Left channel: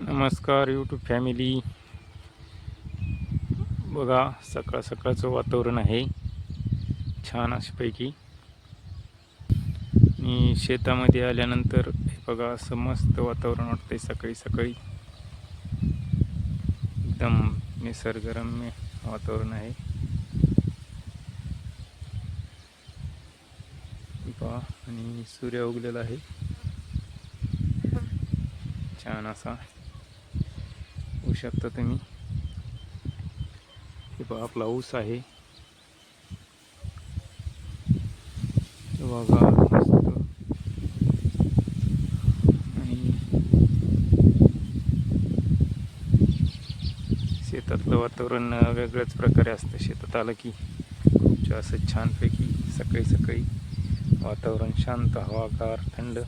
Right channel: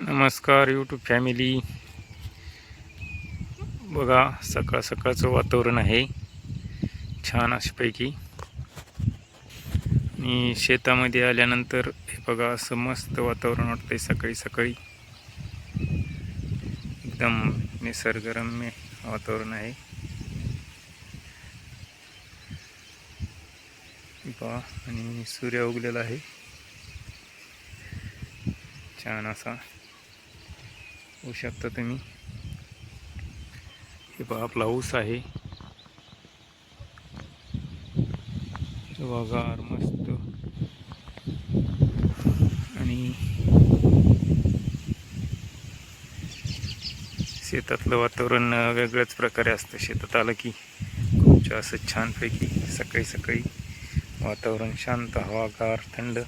नमस्कार YouTube family. बघा, सकाळ सकाळचं वातावरण आहे छान अशापैकी. आणि शेतामध्ये आल्यानंतर हे बघा, असं मस्त वातावरण वाटतंय सकाळी सकाळी. एकदम निसर्गरम्य वातावरण आहे. पहा, आणि सूर्य उगलेला आहे छान असा, होऊ शकता तुम्ही. हे पहा, आपला ऊस आहे बघा मस्त. आणि शेतातलं वातावरण वेगळ्याच प्रकारे असतं. शेतात आलं की खूप असं छानपैकी सकाळी सकाळी वातावरण शांत, हवागार, थंड.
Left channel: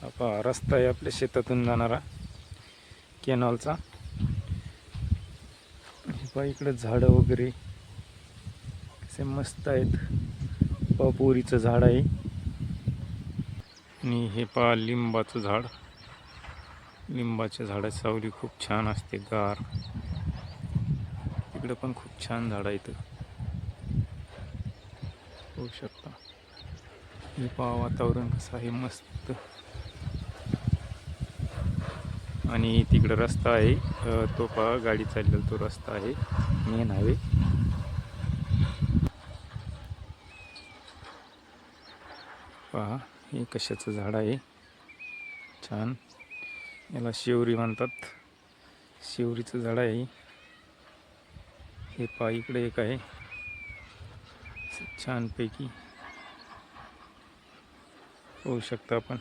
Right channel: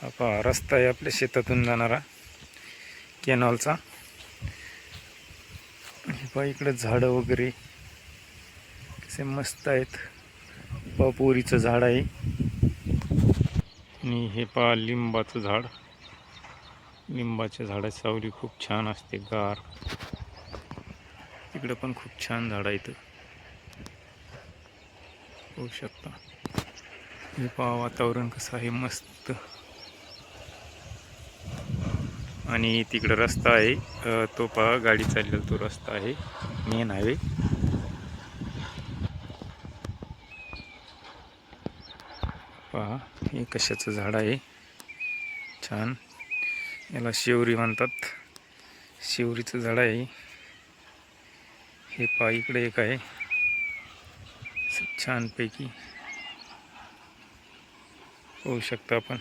हा पहा, रस्ता आहे आपल्या शेतातून जाणारा कॅनॉलचा. हे पहा, इकडे झाडं वगैरे कसे मस्त आहेत. पोरीचं झाड आहे. आणि हे पहा, लिंबाचं झाड. लिंबाच्या झाडाची सावली खूप छान असते, गार. इकडे पण खूप छान झाड आहेत, होऊ शकता. हे पहा, वातावरण कसं आहे, मस्त. आणि तिकडे रस्ता आहे, तो पहा, गाडी चाललेला तो रस्ता आहे, मेन हायवे. पहा, हे कशाचं झाड आहे छान. याला शेवरी म्हणतात. शेवरीचं झाड आहे हे. पहा, इकडे एक आहे छानपैकी, होऊ शकतं आपण.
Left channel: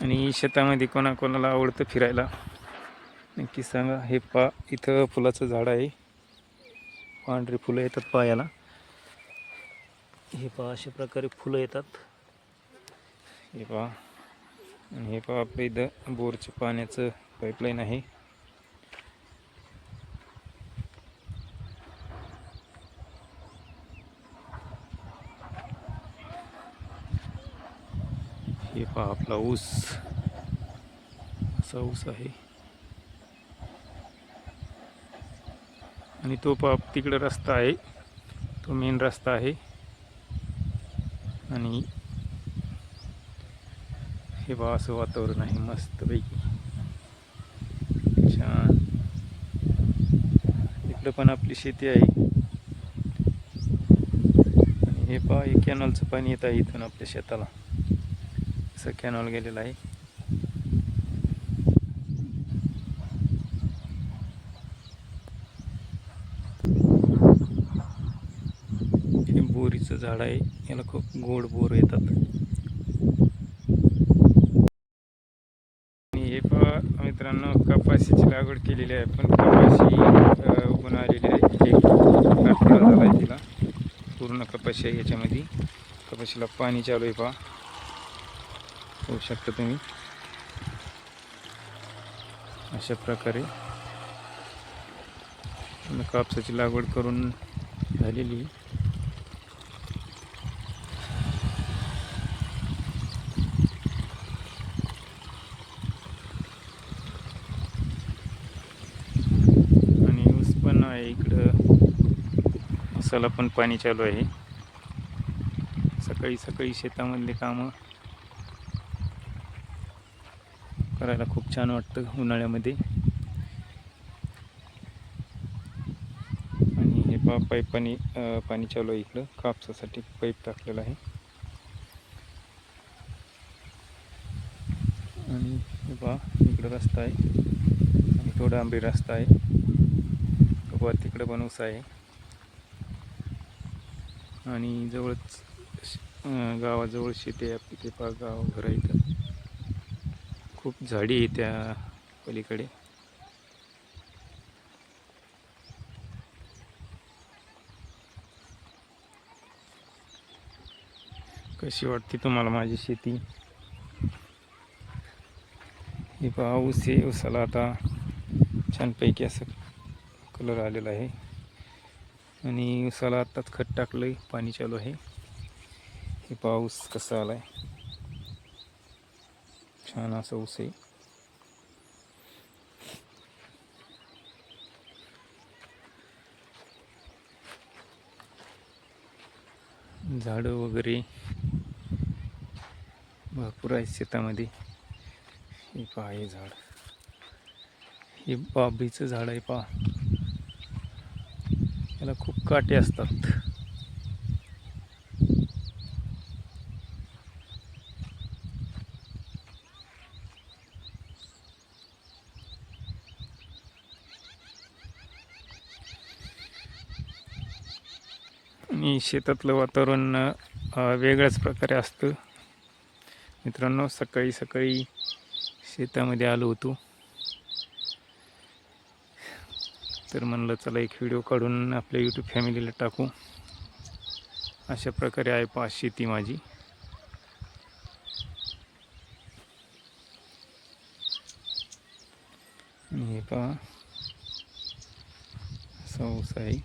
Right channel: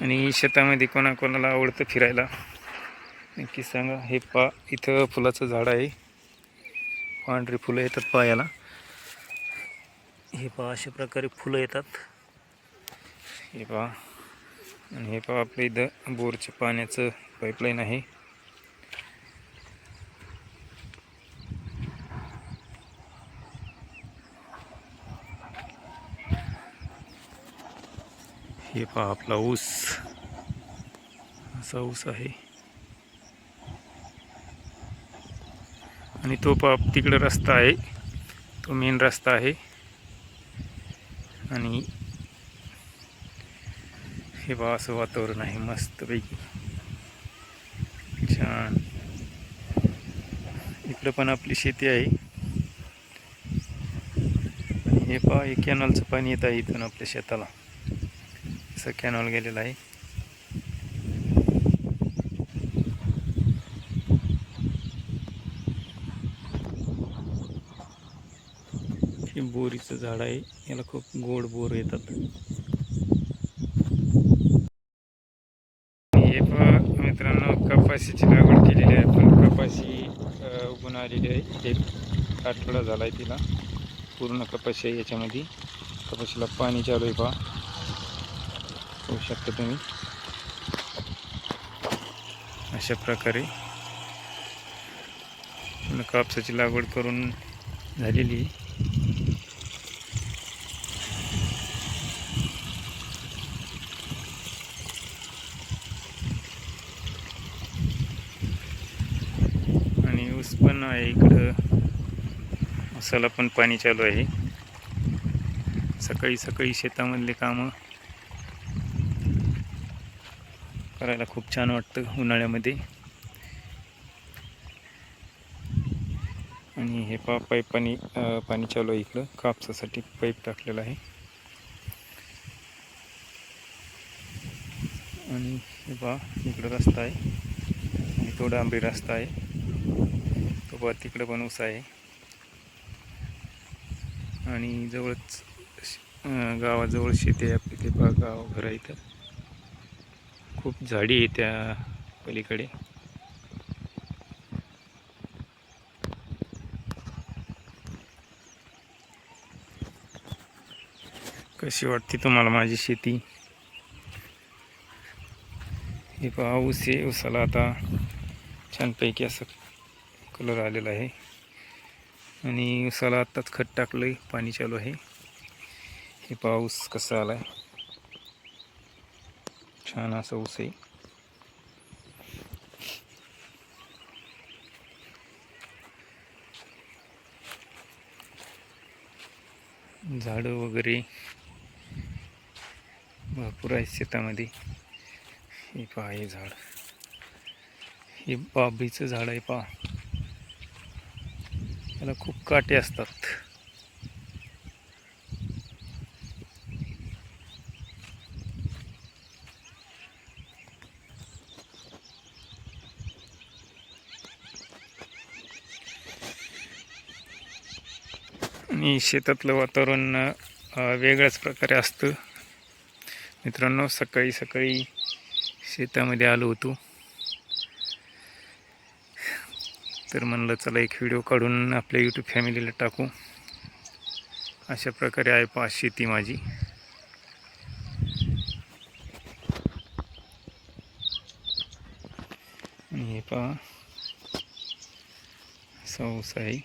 आणि शेतामध्ये कोणाकोणाला आवडतं फिरायला नक्की सांगा. हे पहा, इथं फुलाचं झाड आहे, पांढरी फुलं येतात पायाला. हे पहा, अशा प्रकारे फुलं येतात. हे पहा, आणि हे पहा, आपल्या इथं बोरच्या पाण्याचं पाईपलाईन आहे. हे पहा, आपला ऊस, असा ऊस आहे. आणि तो पहा, तिकडे रस्ता आहे, तो मेन रस्ता आहे. आणि हे पहा, असं वातावरण आहे मस्तपैकी छान. इकडे पण आपली शेती आहे. आणि हे पहा, हे कॅनॉलचं पाणी येत आहे इथून आपल्या शेताला. असं कॅनॉल गेलेला आहे. हे बोरीचं झाड आहे, याला खूप गोड बोर येतात. हे पहा मित्रांनो, कपाशीची लागवड केलेली आहे. पण कपाशी उगून आलेली आहे, एक आठवडा झाला आहे तिला. पूर्ण कपाशी आहे याच्यामध्ये. कपाशीला पाणी चालू आहे, पहा, होऊ शकतं तुम्ही. अशा प्रकारे कापसाची लागवड करून झालेली. आणि ऊस पण आहे इकडं, ऊसाला पण पाणी चालू आहे. सकाळी सकाळी शेतामधले कामं करायला खूप छान वाटतं उन्हाळ्यामध्ये. आणि हे पहा, पाईपानी पाणी चालू आहे इकडं, कापसासाठी पाईप टाकलेला आहे. आणि हे पहा, इकडं रस्ता आहे, आणि तो डांबरी रस्ता आहे. तो पहा, तिकडं पण ऊस आहे. आणि जवळच गावाजवळ शेती आहे आपली. ते पहा, गाव घर आहे इथं. खूप झाडी आहे त्या पलीकडे. कशी वाटते तुम्हाला माझी शेती? हे पहा, ऊस आहे. ऊसाला आता छानपैकी असं कलर आलेला आहे. आणि ऊसाला आत्ताच खत टाकलं आहे, पाणी चालू आहे. हे पहा, ऊस कसा आला आहे छान असं ऊस आहे. झाडं वगैरे भरपूर आहेत शेतामध्ये. हे पहा हे झाड, हे बाभळीचं झाड आहे पहा. याला खूप काटे असतात. आणि शेतातलं वातावरण वेगळ्याच प्रकारे असतं. मित्रांनो, सकाळी सकाळी शेतामध्ये आलो होतो, तर म्हणलं चला एक व्हिडिओ काढून आपल्या यूट्यूब फॅमिलीला टाकू. अशा प्रकारे आहे पहा शेती माझी. आणि हे पहा असा ऊस आहे.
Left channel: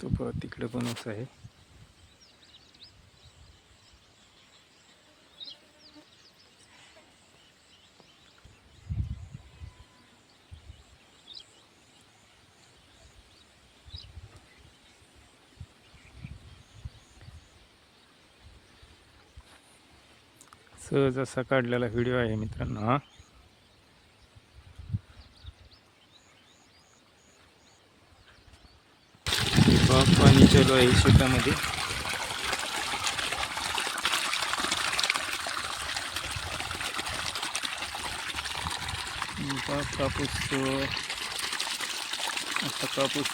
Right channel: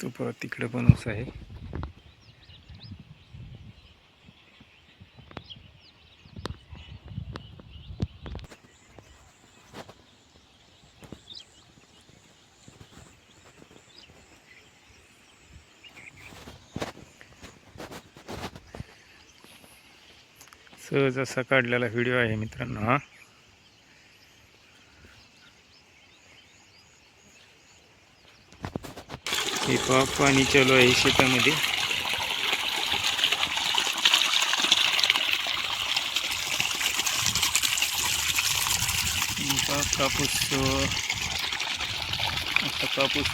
तो पहा तिकडे पण ऊस आहे. सहज असा काढलेला व्हिडिओ आहे मित्रांनो हा. हे पहा पाणी चालू आहे शेतामध्ये. पहा कापूस, आता कापूस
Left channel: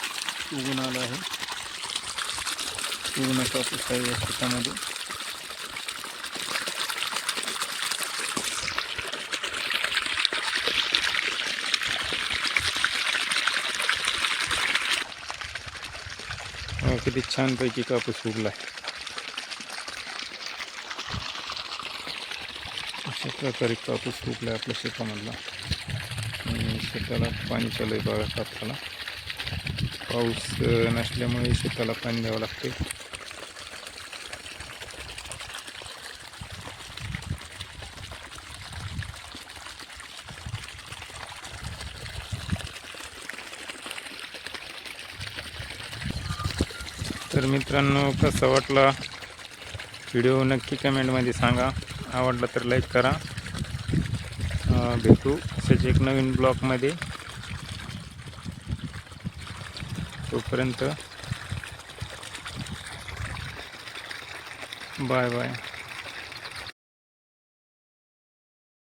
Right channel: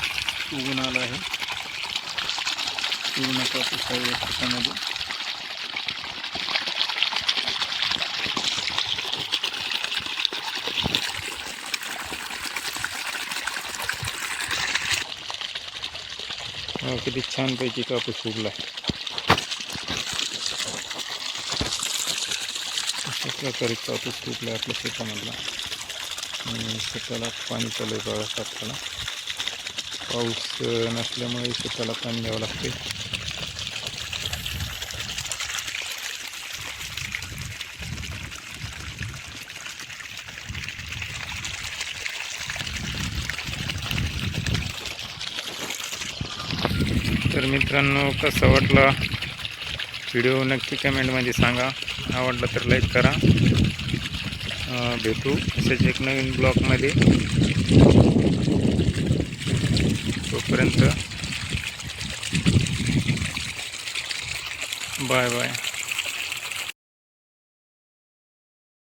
उगून आला आहे. पूर्ण कापूस आहे या शेतामध्ये. किती छानपैकी कापूस उगलाय. अशा प्रकारे कापूस उगलाय आपल्या शेतामधला. आणि शेताला पाणी चालू आहे बघा कापसाला. पाऊस नसल्यामुळे शेताला पाणी द्यावं लागते. तर मित्रांनो, कसा वाटला व्हिडिओ नक्की कमेंटमध्ये सांगा. आवडला तर लाईक करा. भेटू असेच एक नवीन ब्लॉगमध्ये. तोपर्यंत बाय बाय.